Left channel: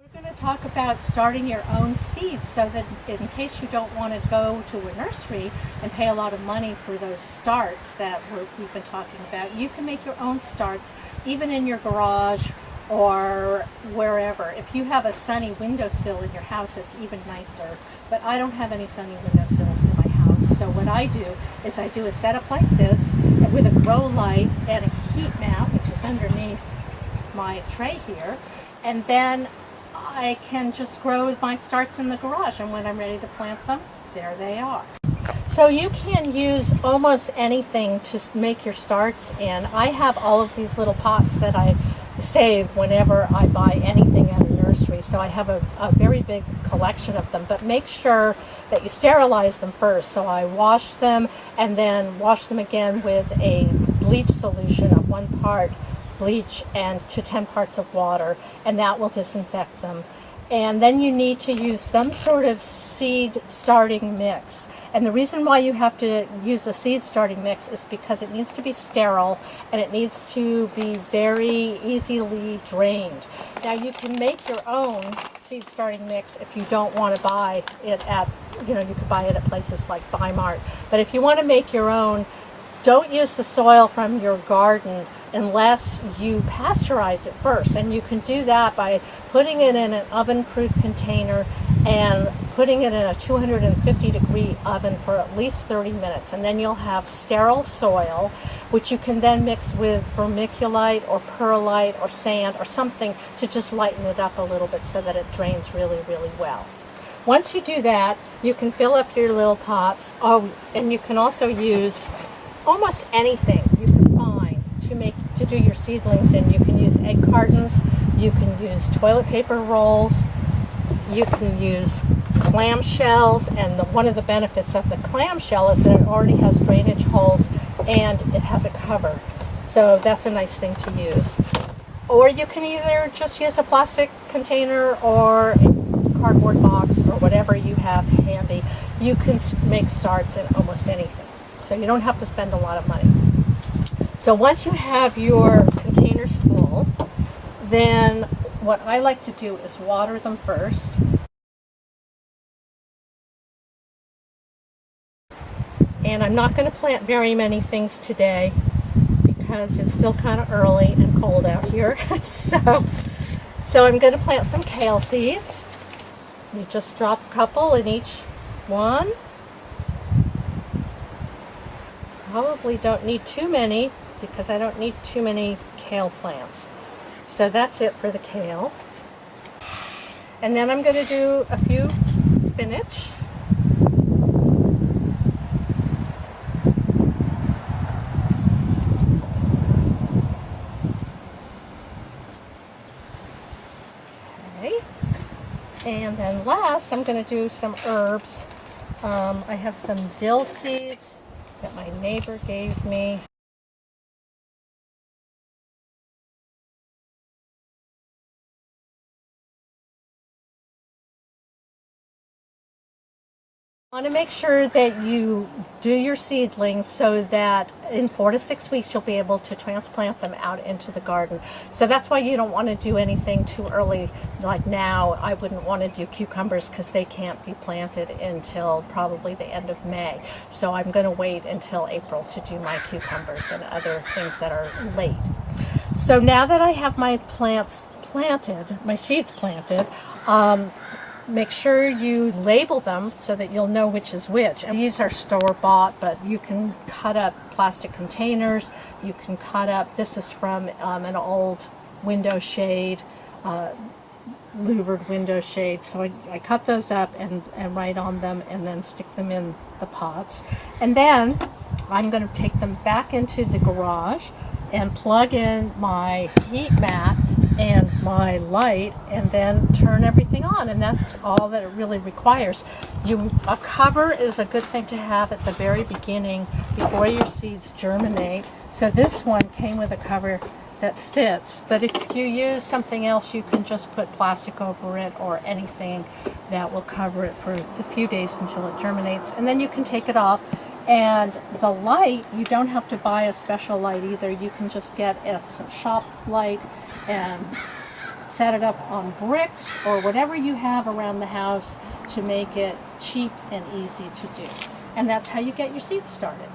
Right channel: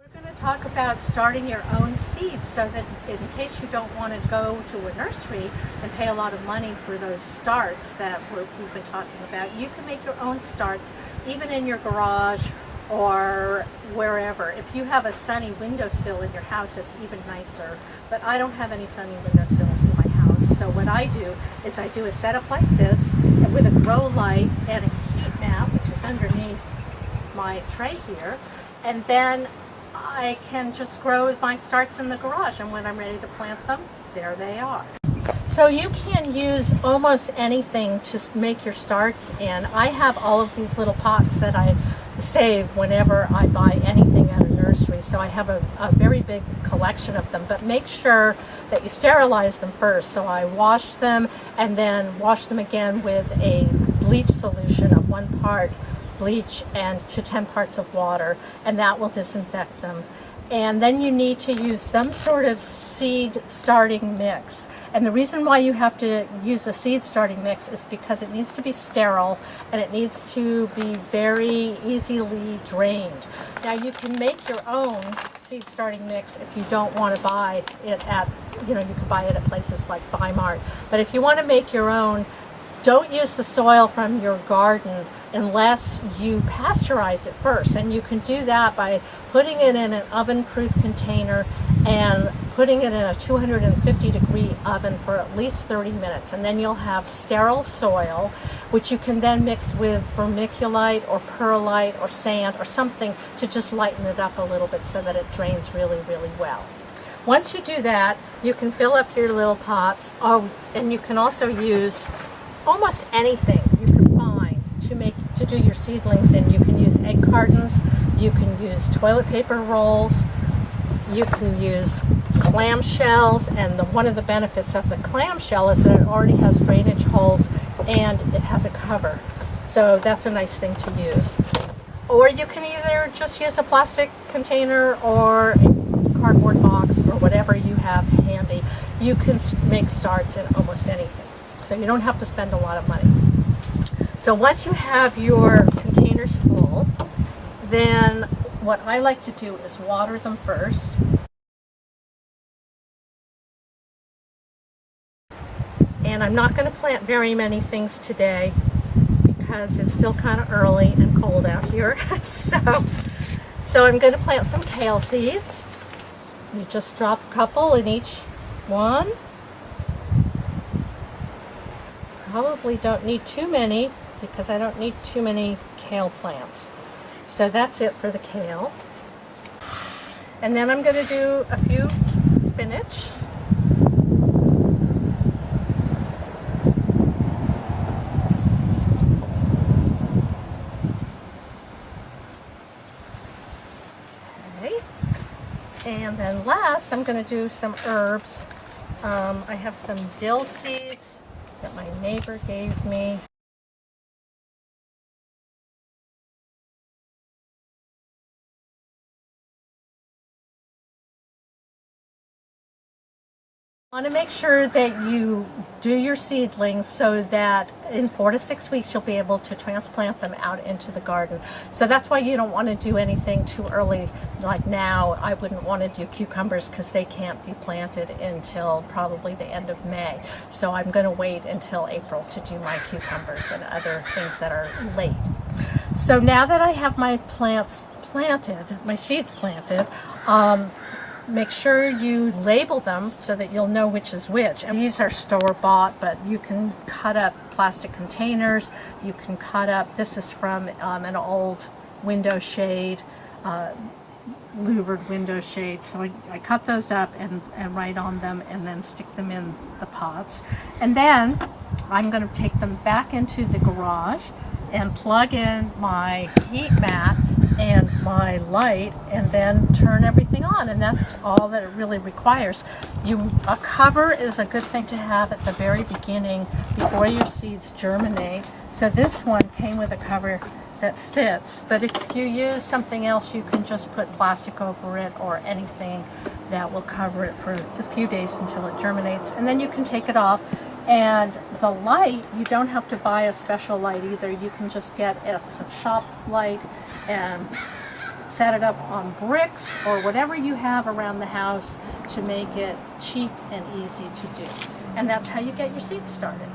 We're going to talk about starting your own seeds so that in case you don't want to go to a nursery and pay a lot of money for those starts that we've been talking about, you can make your own starts even in your garage or wherever. If you have a sunny windowsill in your house, it's even nicer. But I don't have any sunny windowsills in my house. So what I do is I do a setup like this with a grow light and a heat mat, which is underneath my tray here. And then I can just grow my starts in the garage. And when I'm ready to plant them, there they are. So you can use almost anything to make your starts in. I have all of these little pots that I save whenever I buy anything at a nursery. So I have a very big collection of them, but make sure that you sterilize them first. So I wash them and then wash them again with a bleach solution of 1 part bleach and to 10 parts of water, and that will disinfect them. And then you need to use some sort of seed starting mix. And the reason why you have to use a seed starting mix is because it needs to be sterile and it needs to be very easily drained. Now you can make your own seed starting mix if you don't want to buy it at, you could buy it at places like Bi-Mart. But if you want to make your own, don't use the soil from your garden unless you pasteurize it first. And you can do that by putting it in an oven-proof container and putting it in a 250-degree oven for at least 30 minutes. And then you'll have sterile soil, which you can then mix with vermiculite or perlite or sand or something to just lighten it up a little bit so that it drains really, really well. Once you do that, you can fill up your little pots. Oh, and you can also use almost anything you can find to do your seedlings in. You can use egg cartons, you can use toilet paper rolls, you can use clamshells, and one of the benefits of the clamshell is that it already has drainage holes and it has a cover. So that's a nice thing to use. Or you can either just use a plastic container or a cardboard box or whatever you have handy. You can make starts in almost anything. So you don't have to spend a lot of money. So once you have your containers full, then what I like to do is water them first. And I'm not going to plant very many things today because it's still kind of early and cold out here. So I'm going to plant some kale seeds. You just drop a couple in each one. Probably don't need too many because I don't need too many kale plants. So that's it for the kale. And then I'm going to do a few spinach. Okay. And then last, I'm going to do some herbs. I have some dill seeds that my neighbor gave me. You want to make sure that you do your seedlings so that in 4 to 6 weeks you'll be able to transplant them out into the garden. So that's why you don't want to do anything too early. Like now, I wouldn't want to do cucumbers because they can't be planted until probably the end of May. So I'm going to wait until April to do my cucumbers and other things that are late. So now that I have my plants planted, my seeds planted, make sure you label them so that you'll know which is which. And these are store-bought, but you can cut up plastic containers. You can cut up, this is from an old window shade, louvered window shade. So I cut those up and write on them and then stick them in the pots. And then I'm going to take them back into the garage and plug in my heat mat and my light and then turn everything on, and that's all that it really requires. A cover is a good thing to have at the very beginning before your seeds germinate. So this one came with a cover that fits, but if you use something else you can just put plastic over it or anything that will cover it for a few days until it germinates, and then you can take it off. And the light, you don't have to buy a special light either. You can just get a shop light and set it up on bricks or whatever you have around the house to make it cheap and easy to do. And that's how you get your seeds started.